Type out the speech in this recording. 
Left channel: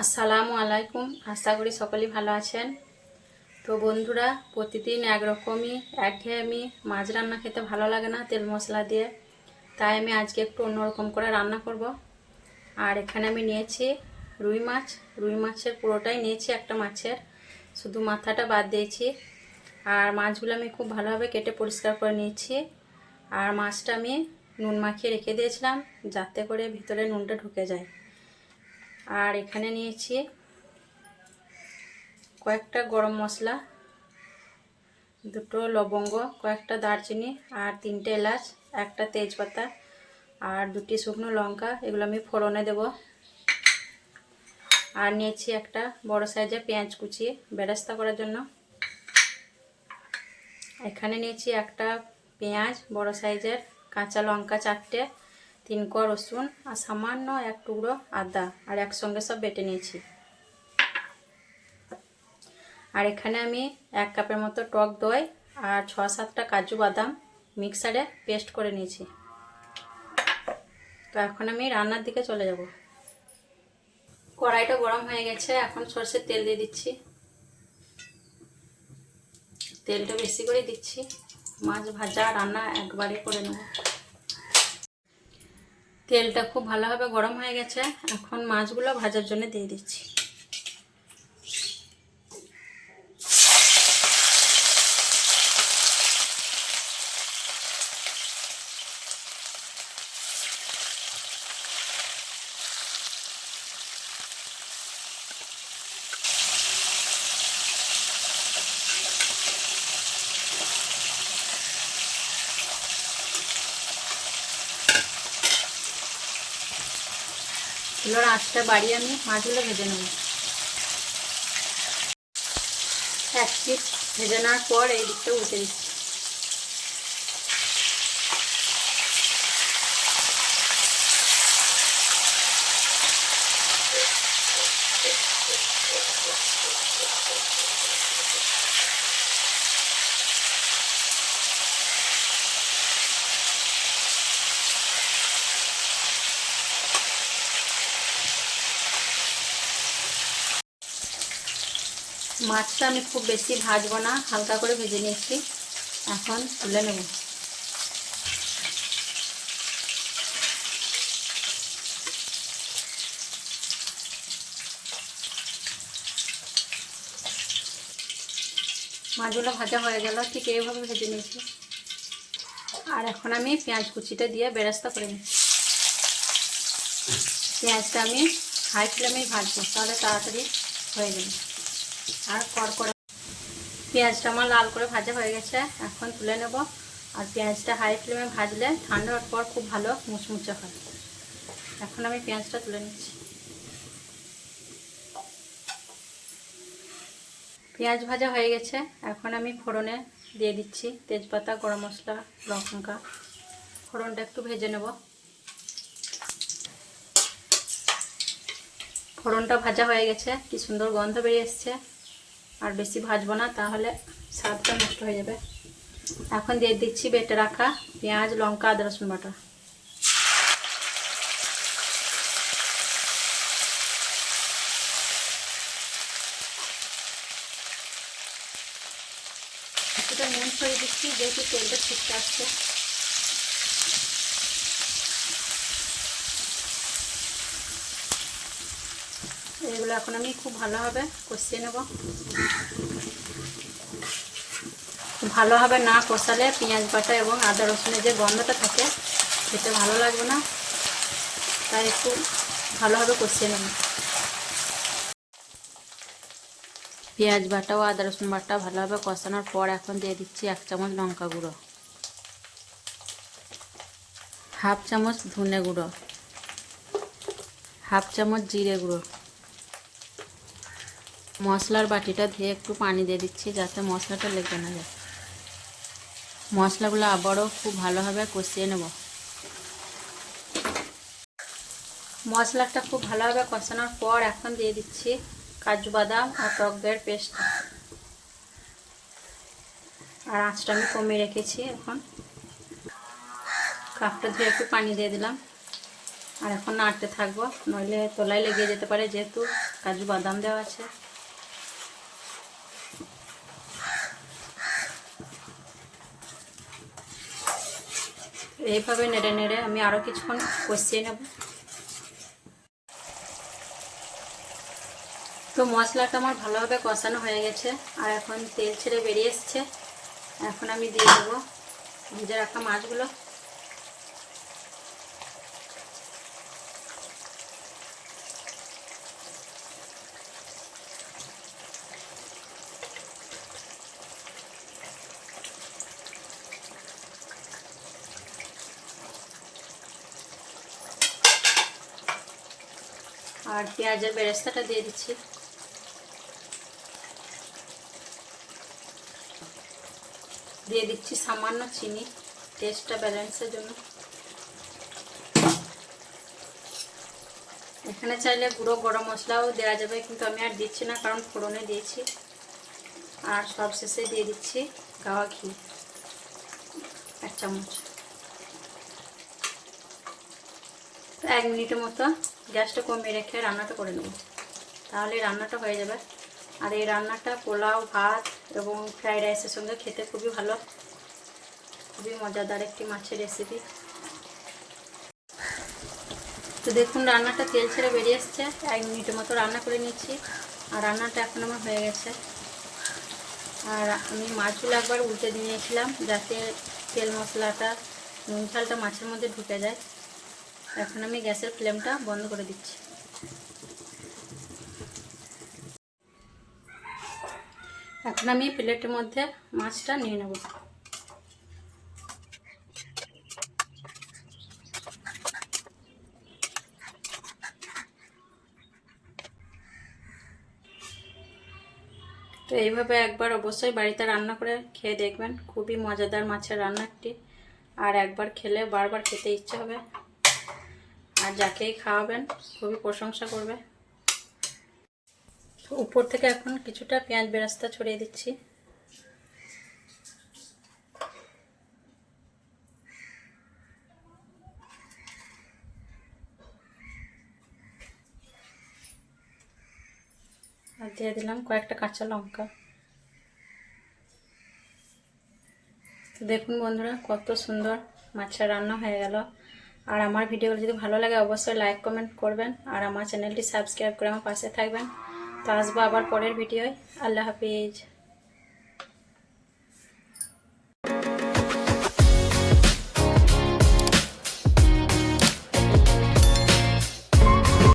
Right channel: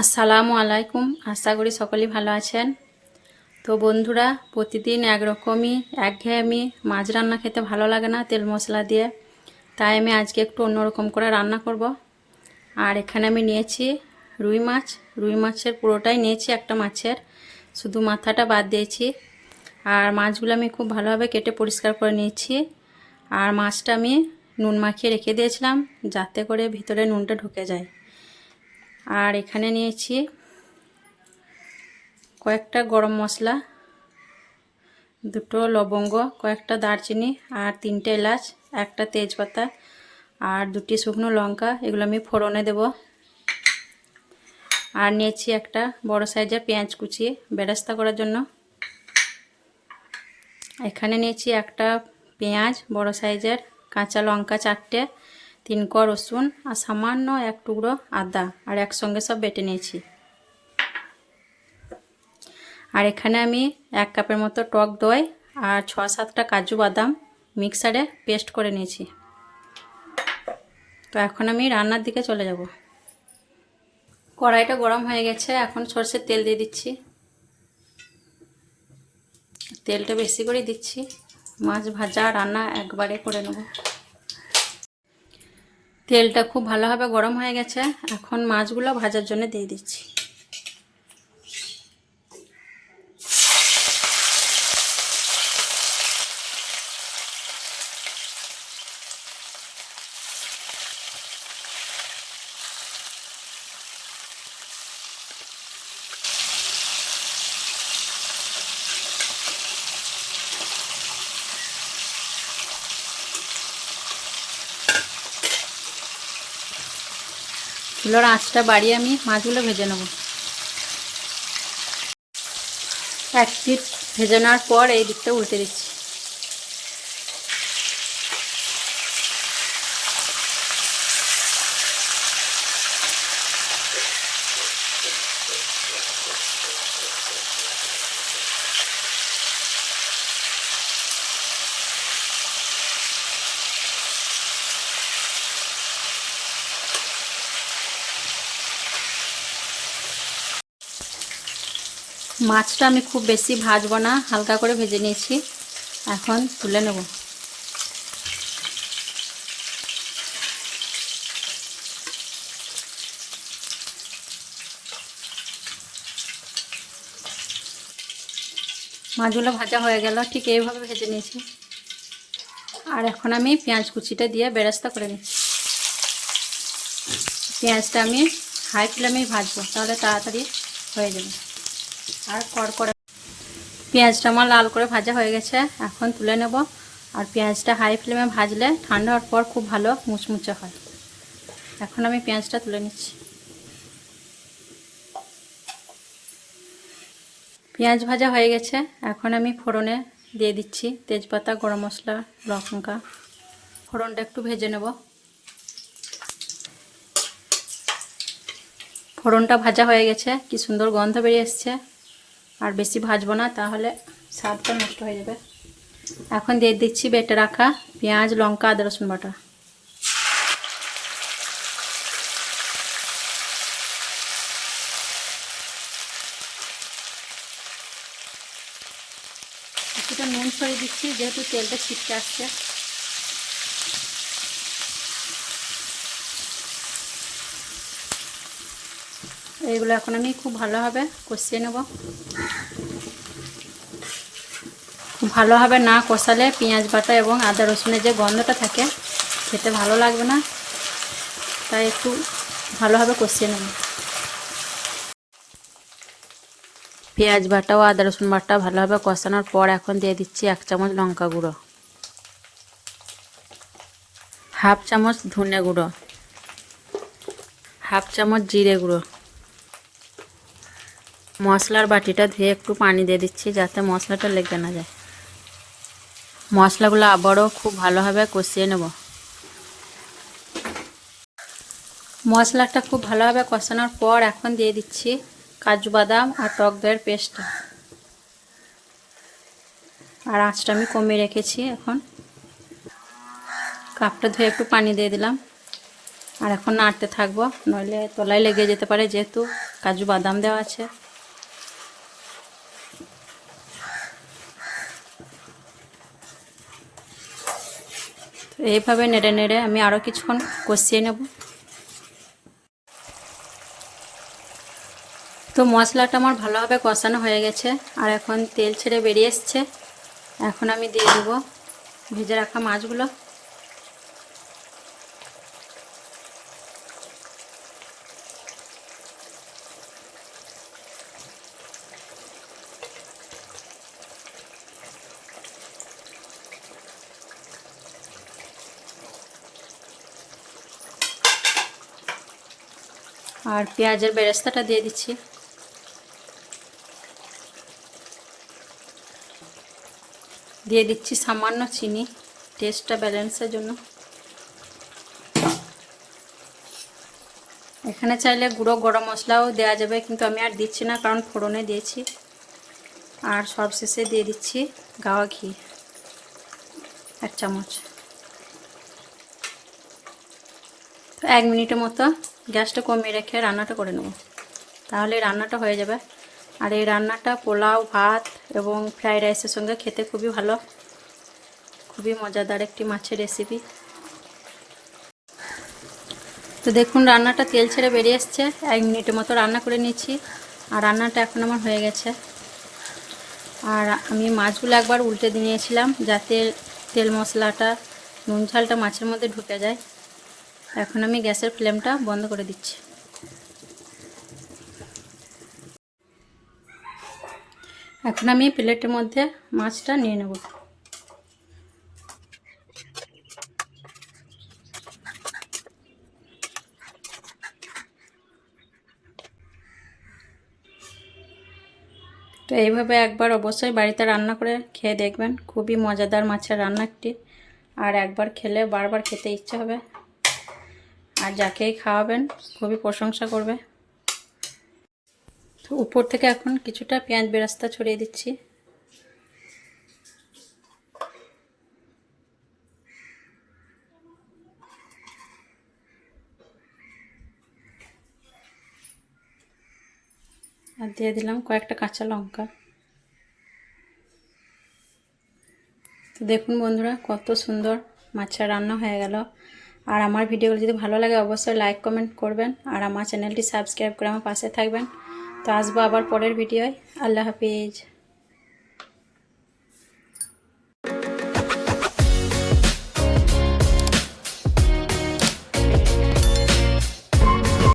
আসসালামু আলাইকুম। আশা করি সকলেই ভালো আছেন। তো বন্ধুরা, প্রতিদিন একরকমই একঘেয়েমি মাছ রান্না খেতে ভালো লাগে না তেল মশলা দিয়ে, তাই আমি আজকে একটু অন্যরকম করে রান্না করব। আর এখানে আমি নিয়েছি রুই মাছের পুরোটাই নিয়েছি, একটা মাছের শুধু মাথাটা বাদ দিয়েছি। আর মাছগুলো আমি খুব ভালোভাবে কেটে পরিষ্কার করে নিয়েছি। আর মাছটা আমি নুন মাখিয়ে রেখে দিয়েছিলাম যাতে করে ভিতরে নুনটা ঢুকে যায়। আর এখানে নিয়েছি কয়েকটা গরম মশলা, দুটো লবঙ্গ, কয়েকটা দারচিনি আর 3টে এলাচ, একটা তেজপাতা আর 2টি শুকনো লঙ্কা। এগুলো আমি ফোড়নে দেব। আর নিয়েছি একটা বড় সাইজের পেঁয়াজ কুচিয়ে বেরেস্তা করার জন্য। এখানে নিয়েছি একটা পেঁয়াজ বড় সাইজের, কাঁচা লঙ্কা 4টে, 3 কোয়া রসুন আর সামান্য এক টুকরো আদা, আর একসঙ্গে সব বেটে নিয়েছি। আর এখানে আমি 1 কাপের মতো টক দই আর 6-7টা কাজু বাদাম মিক্সারে পেস্ট করে নিয়েছি। তো এখন আমি রান্নার দিকে চলে যাব। কড়াইটা গরম হয়ে গেছে, এখন সরষের তেল দিয়ে দিচ্ছি। তেলটা বেশি করে দিচ্ছি, মাছ ভাজা রান্না একবারে করে নেব। তেলটা খুব ভালোভাবে গরম হয়ে গেছে, এখন মাছগুলো ভাজার জন্য দিয়ে দিচ্ছি। চুলোর আঁচটা বাড়িয়ে আমি মাছগুলো ভেজে নেব। এক পিঠ ভেজে নেওয়ার পর এই দিকটা উল্টে দিচ্ছি। মাছটা আমি খুব বেশি ভাজবো না, হালকা করে ভেজে নিয়েছি, এখন তুলে নেব। মাছগুলো ভাজা হয়ে গেল, ঠিক এইভাবে ভেজে নিয়েছি। আর এখন আমি পেঁয়াজ কুচিটা দিয়ে বেরেস্তা করে নিচ্ছি। পেঁয়াজটা আমি হাই ফ্লেমে ভাজবো, তাহলে তাড়াতাড়ি হয়ে যাবে। আর কড়কড়া পেঁয়াজটা আমার লাল করে ভাজা হয়ে গেছে, এখন তুলে নেব। আর পেঁয়াজটা হাই ফ্লেমে ভাজলে ঠান্ডা হওয়ার পর খুব ভালো মুচমুচে হয়। এখন আমি পেঁয়াজটা তুলে নিচ্ছি। পেঁয়াজ ভাজা হয়ে গেছে, এখন আমি ফোড়নে দিয়ে দিচ্ছি তেজপাতা, গরম মশলা, লঙ্কা। ফোড়নটা একটু ভেজে নেব। ফোড়নটা ভাজা হয়ে গেছে, কি সুন্দর গন্ধ বেরিয়ে এসছে। আর বেশি ভাজবো না, তাহলে স্বাদটা নষ্ট হয়ে যাবে। এখন দিয়ে দিচ্ছি বেটে রাখা পেঁয়াজ, লঙ্কা, আদা রসুন বাটা। কিছুটা নুন ছড়িয়ে দিচ্ছি, যেহেতু তেলটা ছিটকে আসছে। এগুলো এখন আমি খুব ভালোভাবে কষিয়ে নেব। ভালোভাবে না কষালে পেঁয়াজ বাটা এবং আদা রসুনের যে গন্ধটা থাকে খেতে ভালো লাগবে না, তাই একটু ভালোভাবে কষিয়ে নেব। পেঁয়াজ বাটা ও আদা রসুন বাটা ভালোভাবে কষানোর পর এখন দিয়ে দিচ্ছি 1 চামচ লঙ্কা গুঁড়ো, 1/2 চামচ ধনে গুঁড়ো, 1/2 চামচ জিরে গুঁড়ো। মশলার বাটিটা ধুয়ে একটু পানি দিয়ে দিচ্ছি যাতে মশলাটা লেগে না যায়। মশলাগুলো আবারও খুব ভালোভাবে কষিয়ে নেব। মশলাটা খুব ভালোভাবে কষানোর পর এখন দিয়ে দিচ্ছি কাজু বাদাম আর টক দইয়ের পেস্টটা। আর আঁচটা আমি কমিয়ে রেখেছি। এখন কাপটা ধুয়ে একটু পানি দিয়ে দিলাম। আর এখন নাড়তে থাকবো, নইলে তলায় লেগে যেতে পারে, যেহেতু কাজু বাদাম দেওয়া আছে। এইভাবে নেড়ে নেড়ে আমি আরও কিছুক্ষণ কষিয়ে নেব। তো মশলাটা আমার ভালোভাবে কষানো হয়ে গেছে, আর এখন তেল ছেড়ে বেরিয়ে এসছে। এখন আমি দিয়ে দেবো ভেজে রাখা মাছগুলো। আর পেঁয়াজের বেরেস্তাটা দিয়ে দিচ্ছি। দিয়ে দিচ্ছি সামান্য চিনি টেস্টটা ব্যালেন্সের জন্য। এখানে চাইলে গুঁড়ো গরম মশলাও দেওয়া যাবে, কিন্তু আমি আর দিচ্ছি না, কারণ ফোড়নে দিয়েছি। আর সবশেষে দিয়ে দিচ্ছি গাওয়া ঘি 1 চামচ। 1 মিনিটের মতো গ্যাসটা কমিয়ে রেখে রান্নাটা করে নেব, তাহলে রান্নাটা হয়ে যাবে। আর এই রান্নাটা পোলাও, ভাত এবং ফ্রাইড রাইসের সঙ্গে খেতে খুবই ভালো, খুবই মজাদার একটি মাছের রেসিপি। তো দেখুন রান্নাটা তেল ছেড়ে বেরিয়ে এসছে। 1 মিনিটের মতো রান্না করে নিচ্ছি, আর রান্নাটা এখন আমার হয়ে গেছে। আর আমি মাছগুলো একবার উল্টে দিয়েছিলাম, যাতে তেল মশলাটা নুন ঝালটা মাছের মধ্যে ঢুকে যায়। এখন আমি গ্যাসের ফ্লেমটা বন্ধ করে দিচ্ছি। এখন আমি প্লেটের মধ্যে মাছটা নিয়ে নেব। তো এইভাবে একবার অবশ্যই বাড়িতে রান্না করে খেয়ে দেখবেন, খুবই মজাদার মাছের রান্না একটি। আর একবার খেলে বারবার খেতে ইচ্ছে হবে, আর যাকেই খাওয়াবেন খুবই প্রশংসা করবে। তো উপর থেকে এখন কিছুটা পেঁয়াজ বেরেস্তা ছড়িয়ে দিচ্ছি। আর দিয়ে দিলাম কয়েকটা কাঁচা লঙ্কা। তো দেখুন বন্ধুরা, কত সুন্দর মাছের রান্না হয়ে গেল। আর আমার ভিডিওগুলো যদি ভালো লাগে অবশ্যই লাইক কমেন্ট করবেন, আর আমার চ্যানেলটি সাবস্ক্রাইব করে আমার পাশে থাকবেন। তো আসবো আবার পরের ভিডিওয়। আল্লাহ হাফিজ।